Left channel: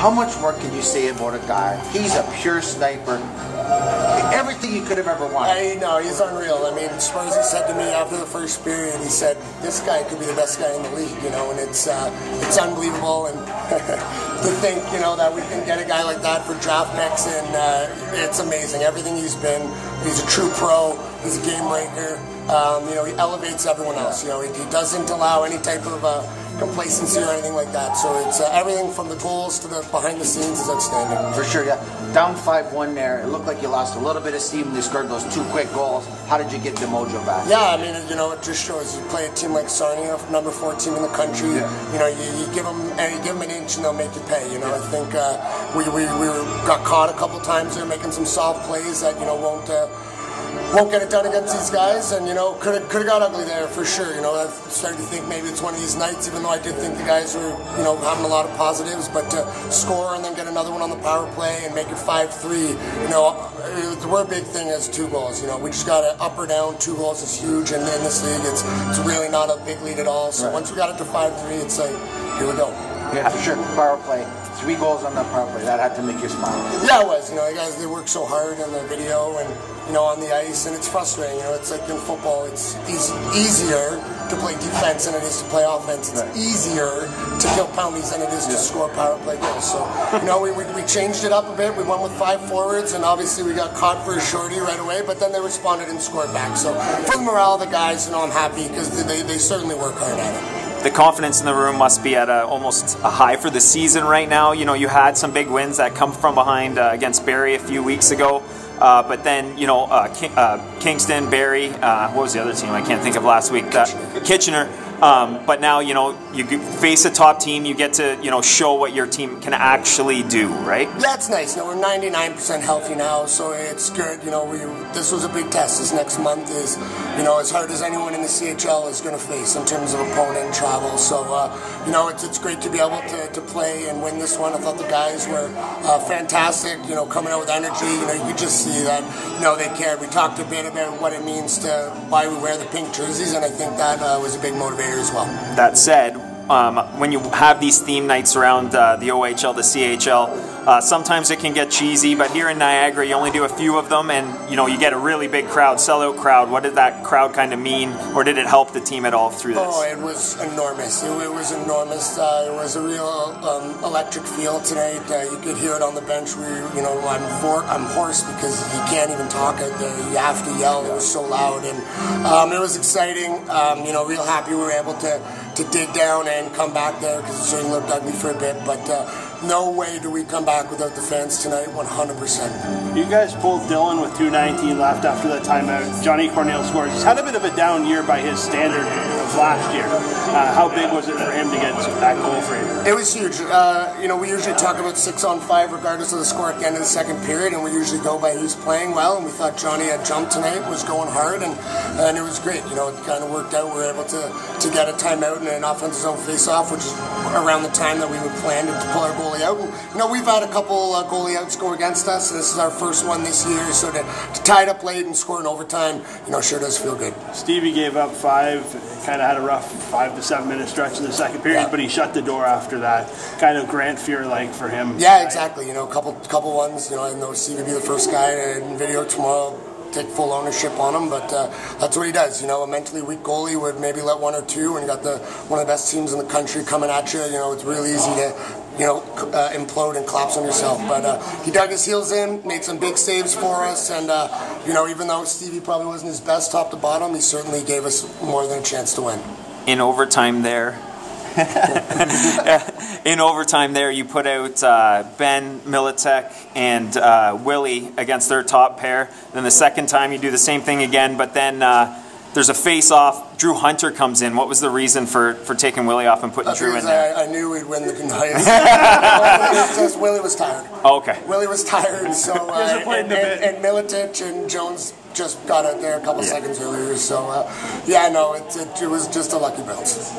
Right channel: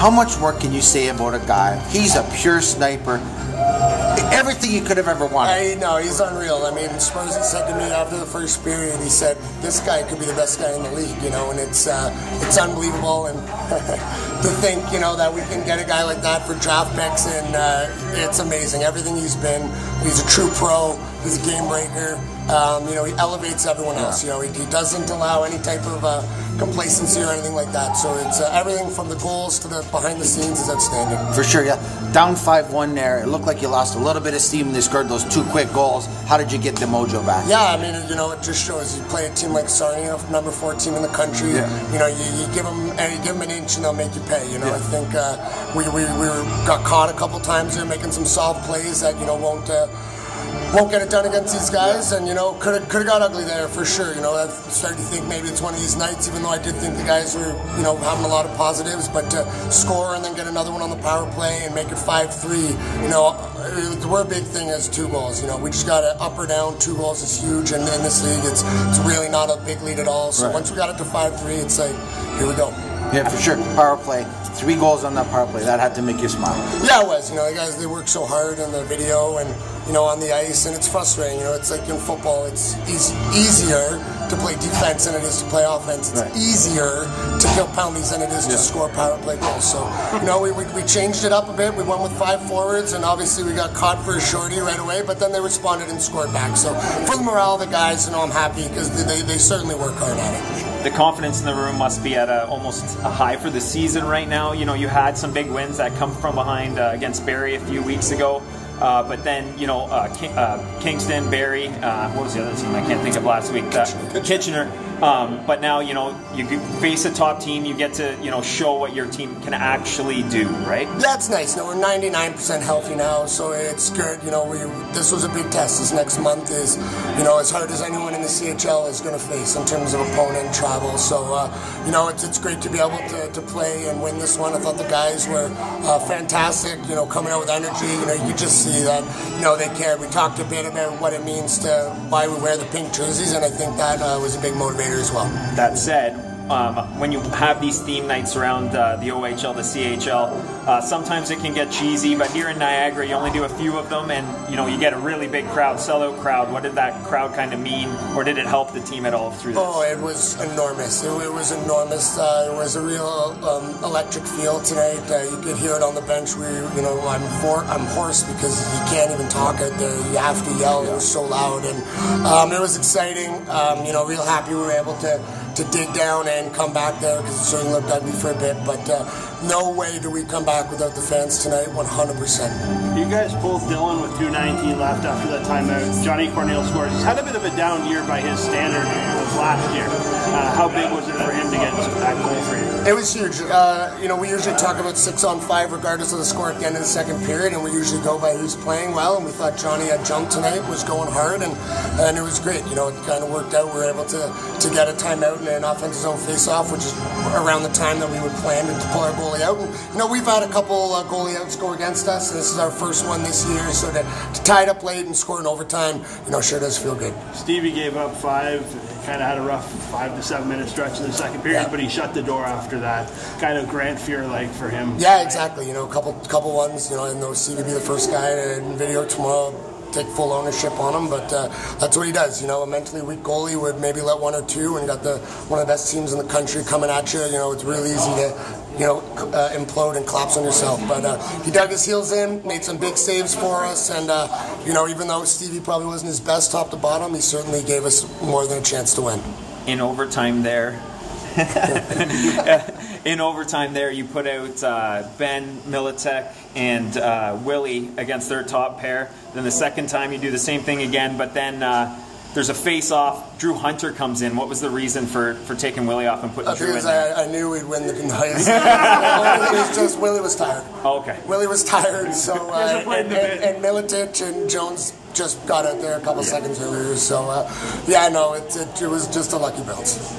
How much more can you say about a guy? He's a pure sniper. Everything you could have ever wanted. I know, he's unreal. I mean, Spursy said to me after the first period, he said, this guy could be the best guy in the league, you know, and it's unbelievable. And to think, you know, that we can get a guy like that for draft picks, and it's amazing. Everything he's been, he's a true pro, he's a game breaker. You know, he elevates everyone else. You know, he doesn't allow any type of complacency or anything like that. So it's everything from the goals to the behind the scenes is outstanding. For sure, yeah. Down 5-1 there. It looked like you lost a little bit of steam. They scored those 2 quick goals. How did you get the mojo back? Yeah, I mean, you know, it just shows you play a team like Sarnia, number 4 team in the country. Yeah. You know, you give them an inch and they'll make you pay. You know, I think we got caught a couple times there making some soft plays that, you know, won't get it done against these guys, and you know, could have got ugly there for sure. You know, I've started to think maybe it's one of these nights, even though I did think the guys were, you know, having a lot of positives, but to score and then get another one on the power play and make it 5-3, you know, we're a big thing as 2 goals. You know, we just got to up or down. 2 goals is huge, and in this league, it's really not a big lead at all. So once we got it to 5-3, it's like, here we go. Yeah, for sure. Power play. 3 goals on that power play. That had to make you smile. Yeah, it was. You know, the guys, they work so hard in the video and, you know, on the ice, and it's frustrating. You know, it's like in football, it's easier to play defense than it is to play offense. It's easier to kill penalties than it is to score power play goals. So, you know, we changed it up a bit. We went with 5 forwards, and obviously we got caught for a shorty right away, but then they responded and scored back. So for the morale of the guys, you know, I'm happy because they certainly work hard at it. The confidence in the room must be at almost a high for the season right now. You know, you had some big wins that come from behind against Barrie a few weeks ago. But then, you know, Kingston, Barrie, what was the other team? I can't think of last week. Kitchener. But now, you know, you face a top team, you get to, you know, show what your team can actually do, right? Yeah, it's nice. You know, we're 99% healthy now, so it's good. You know, this was a big test. This next month is, you know, as hard as anyone in the CHL is going to face in terms of opponent and travel. So, you know, it's great to be able to play and win this one. I thought the guys were fantastic, you know, coming out with energy. You know, you could just see that, you know, they cared. We talked a bit about what it means to why we wear the pink jerseys, and I think that was a big motivator as well. That said, when you have these theme nights around the OHL, the CHL, sometimes it can get cheesy, but here in Niagara you only do a few of them, and you know, you get a really big crowd, sellout crowd. What did that crowd kind of mean, or did it help the team at all through this? Oh, it was enormous. It was enormous. It was a real electric feel tonight. You could hear it on the bench. You know, I'm hoarse because you can't even talk out there. You have to yell. It was so loud, and it was exciting. You know, real happy we were able to dig down and come back there, because it certainly looked ugly for a bit, but no way do we come back without the fans tonight, 100%. You guys pulled Dylan with 2:19 left after that timeout. Johnny Cornell scores. He's had a bit of a down year by his standard last year. How big was it for him to get that goal for you? It was huge. You know, we usually talk about 6-on-5 regardless of the score at the end of the second period, and we usually go by who's playing well, and we thought Johnny had jumped tonight, was going hard, and it was great. You know, it kind of worked out. We were able to get a timeout and an offensive zone face-off, which is around the time that we would plan to pull our goalie out. And, you know, we've had a couple goalie outs go against us, and this is our first one this year, so to tie it up late and score in overtime, you know, sure does feel good. Stevie gave up 5, kind of had a rough 5 to 7 minute stretch in the second period, but he shut the door after that. Kind of Grant Fuhr-like for him. Yeah, exactly. You know, a couple ones, you know, I know Stevie be the first guy in video tomorrow, take full ownership on him, but that's what he does. You know, a mentally weak goalie would maybe let 1 or 2, and got one of the best teams in the country coming at you. You know, it's really easy to, you know, implode and collapse on yourself. But he dug his heels in, made some big saves for us, and you know, even though Stevie probably wasn't his best top to bottom, he certainly gave us more than a chance to win. In overtime there, you put out Ben Militek and Willie against their top pair. Then the second time you do the same thing again, but then there's a face-off. Drew Hunter comes in. What was the reason for taking Willie off and putting Drew in there? I knew we'd win the night. It was just Willie was tired. Oh, okay. Willie was tired, so and Militic and Jones just got out there a couple seconds earlier. So yeah, no, it was just a lucky bounce.